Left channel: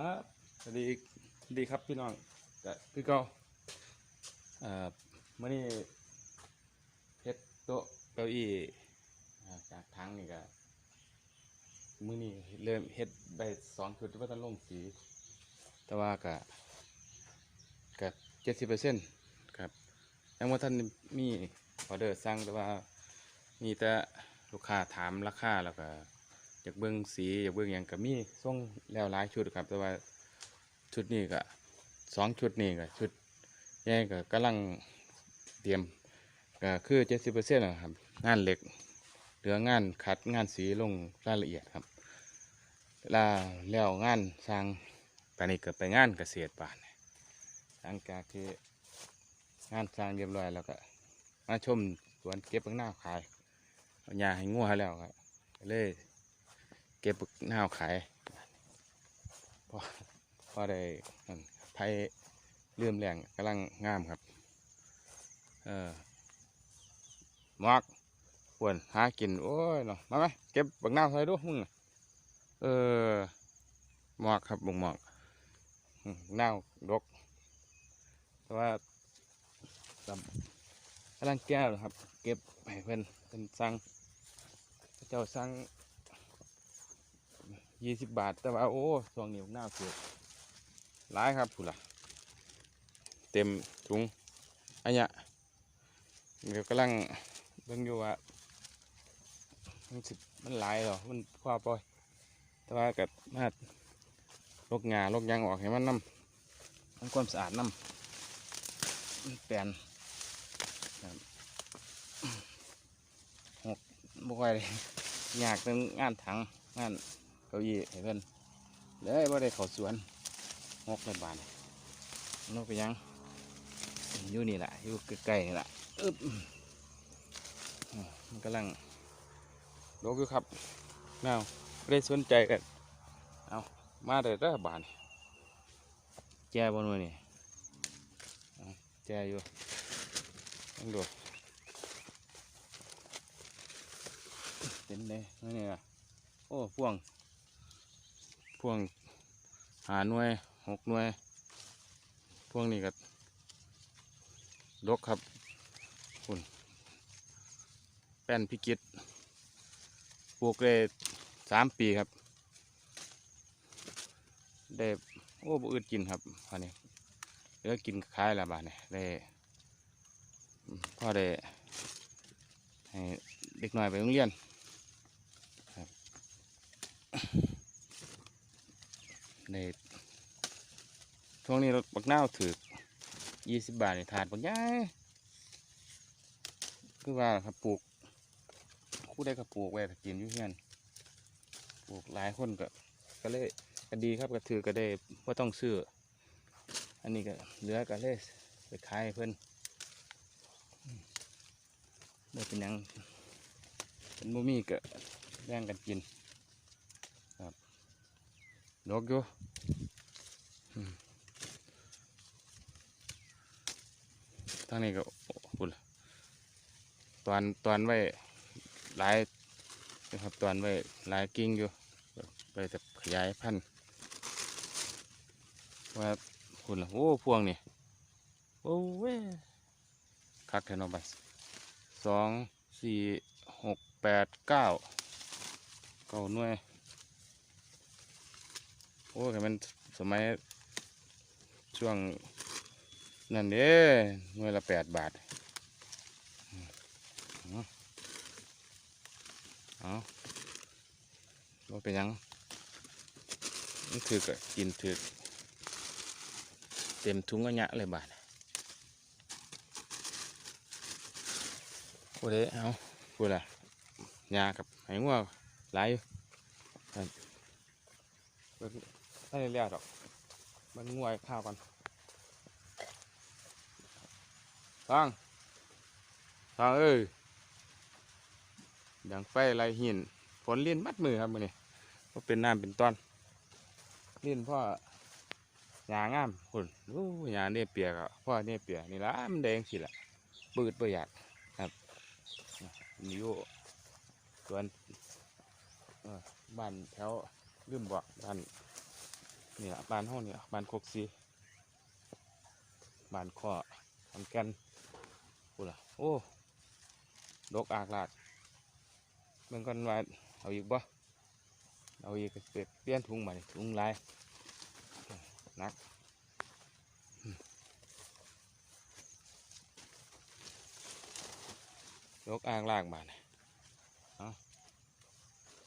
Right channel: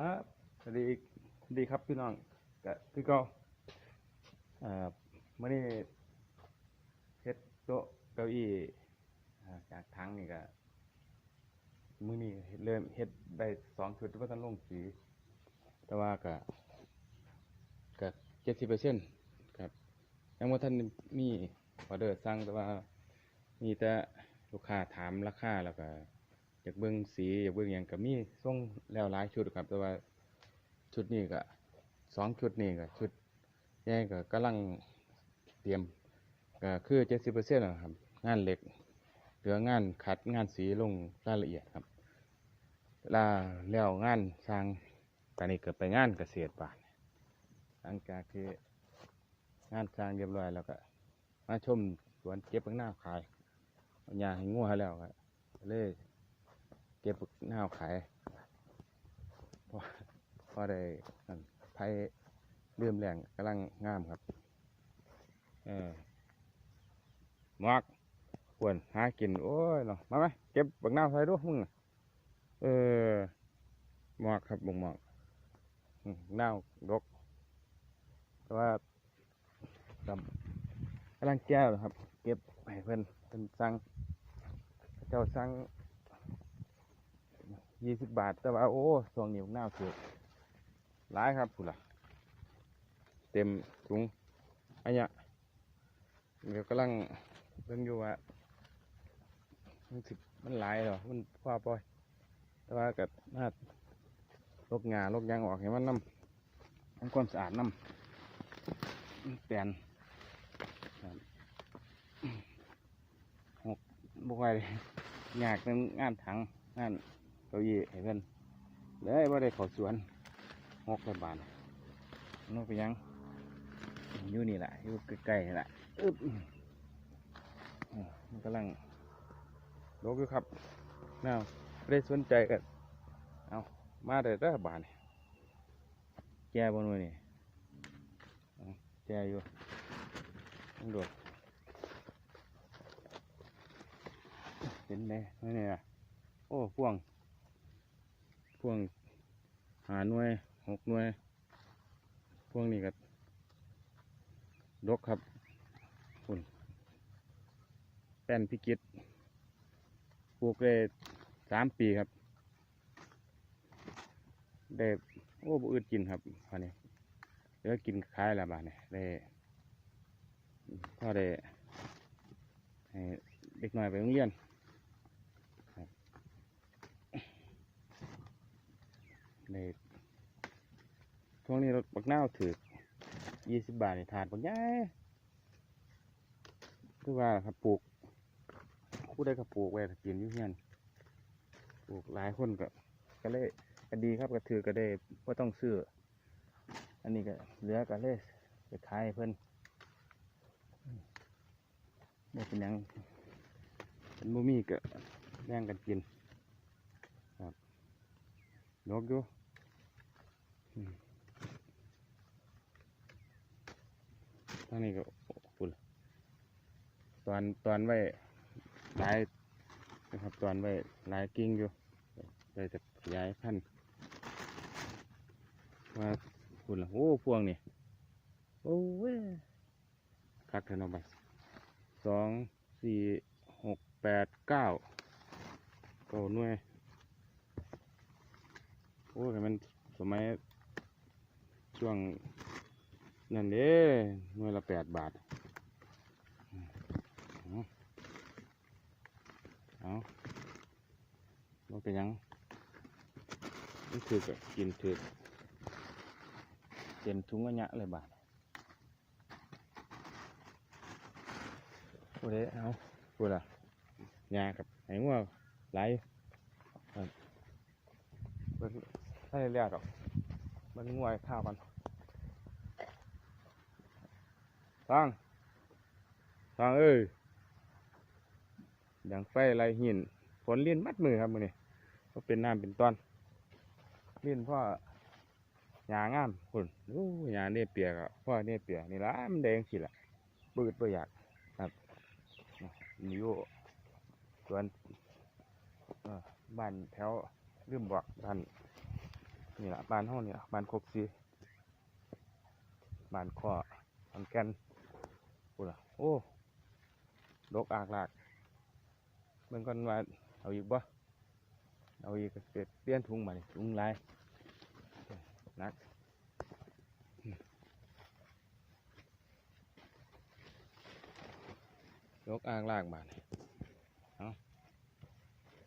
อะสวัสดีสวัสดีครับพี่น้องก็คือเก็เอ่อมื่อนี้เฮ็ดโต๊ะเก้าอี้อ่าจากทั้งนี่ก็มื่อนี้เริ่มเฮ็ดได้สองชุดที่ว่าจะลงสี แต่ว่าก็ก็เจ็ดสิบเปอร์เซ็นต์ครับยังว่าท่านมีออเดอร์สั่งแต่ว่ามีแต่ลูกค้าถามราคาแล้วก็ อยากเบิ่งสีอยากเบิ่งหยังก็มีส่งแล้วหลายชุดครับ แต่ว่าชุดนี้ก็สองชุดนี้ก็ชุดแยกก็กำลังเตรียมก็คือเจ็ดสิบเปอร์เซ็นต์นะครับ งานเหล็กเหลืองานขัดงานสีลงรายละเอียดครับลาแล้วงานสร้างตอนนี้ก็ไปงานเกษตรบ้านหลังจากที่งานสร้างเรียบร้อยแล้วก็มาชมสวนเก็บผักหน้าขายเอาหญ้าให้งัวแล้วครับก็เลย ก็บหน้าวขายพอพอได้นั่นไผ่ลืมแรงกำลังงามครับ เออหมอกปวนหากิน โอ้ยเนาะมาไหมเก็บบักหน้าวใส่ดูมึงเออหมอกครับบงหมอกหน้าวดกแต่ว่าำกำลังแก้วนะครับ เก็บให้เพื่อนเพิ่นสั่งเจ้าสั่ง ยี่สิบบาท แต่ว่า โอ้ช่วงนี้หน้าคือร้ายครับผู้ล่ะเต็มถุงอันเนี้ยเดี๋ยวกำลังเบิ่งอยู่ว่ามันสิมันหลายหรอมันคว้าปล่อย แต่ว่ากับมาลกงาลกยางออกให้มันน้ำทำความสะอาดน้ำแปลนหกบ่ค่อยเลยยากเป็นงานถังงาน ก้าอี้ให้เพิ่อนเลยว่าได้เขอสวนหกในบานนกไปยังอยู่นี่แหละอยู่ใกล้ๆนี่แหละอึ๊บมันกำลังลกอยู่ครับน่าวไม่ได้สนใจกันเอามาแต่ละบานนี่แจบนวยนี่เอาแจอยู่ต้องดูเห็มนี่นี่นะโอ้พ่วง วงหาหน่วยหกหน่วย พวงนี้ก็ดกครับคุณแป้นพิกิตปลูกได้สามปีครับ ได้โอ้บ่อืดกินครับอันนี้เลือกินขายละบาทนี่ยได้พ่อได้ให้เด็กหน้อยไปโรงเรียนใน ช่วงนี้รถบักนาวถือยี่สิบบาทนี่ถาดบักย้ายคือว่าครับปลูกผู้ใดก็ปลูกไว้ก็กินอยู่เฮียนปลูกหลายคนก็ก็เลยก็ดีครับก็ถือก็ได้ว่าต้องซื้ออันนี้ก็เหลือก็เลยไปขายเพิ่อืมบ่เป็นยังเป็นบ่มีก็แบ่งกันกินครับนกอยู่อืมทางนี้ก็ปุ่นตอนตอนไว้หลายนะครับตอนไว้หลายกิ่งอยู่ไปจะขยายพันธุ์ว่าปุ่นละโอ้พวงนี่โอ้เว้ยคักแทนอบัสสองสี่หกแปดเก้าเก้าหน่วยโอ้ยมันสมัยช่วง นั่นเด้หน่วยละแปดบาทเอาเอาว่าเป็นยังมันถือกกินถือกเต็มถุงกระยะเลยบาทโอเด้เอาพูดละยากับไหงัวหลายอยู่ครับเบิ่งไม่ได้เรียกหรอกมันงวยข้าวมัน ฟังฟังเอ้ยอย่างไฟไรหินฝนลิ้นมัดมือครับมือนี่ก็เป็นน้ำเป็นต้นเลิ้นพ่อหยางามคุณโอ้หยาเนี่ยเปียกอะพ่อเนี่ยเปียกนี่ละมันแดงสิละเปิดประหยัดครับอยู่สวนบ้านแถวลืมบอกบ้านนี่ละบ้านห้องเนี่ละบ้านโคกซีบ้านข้อทำกัน พูดละโอ้ดกอากลากเบิ่งกันว่าเอาอีกบ่เอาอีกเปลี่ยนถุงมานี่ถุงลายนักดกอางลากมานี่เอา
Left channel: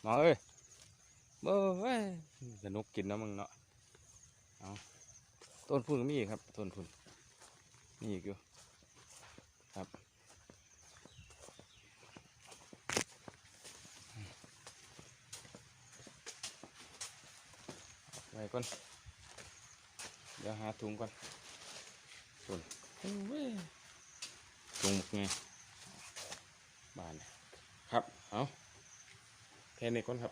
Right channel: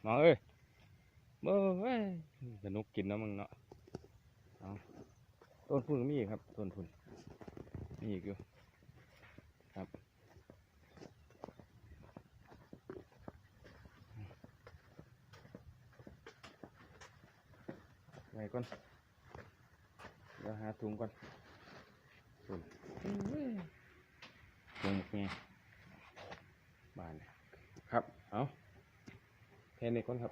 มอเอ้ยเบ่เว้ยสนุกกินนะมึงเนาะเอาต้นพุ่นก็มีอีกครับต้นพุ่นมีอีกอยู่ครับ ไว้ ก่อน เดี๋ยวหาถุงก่อนส่วนถุงไงบานครับ เอาแค่นี้ก่อนครับ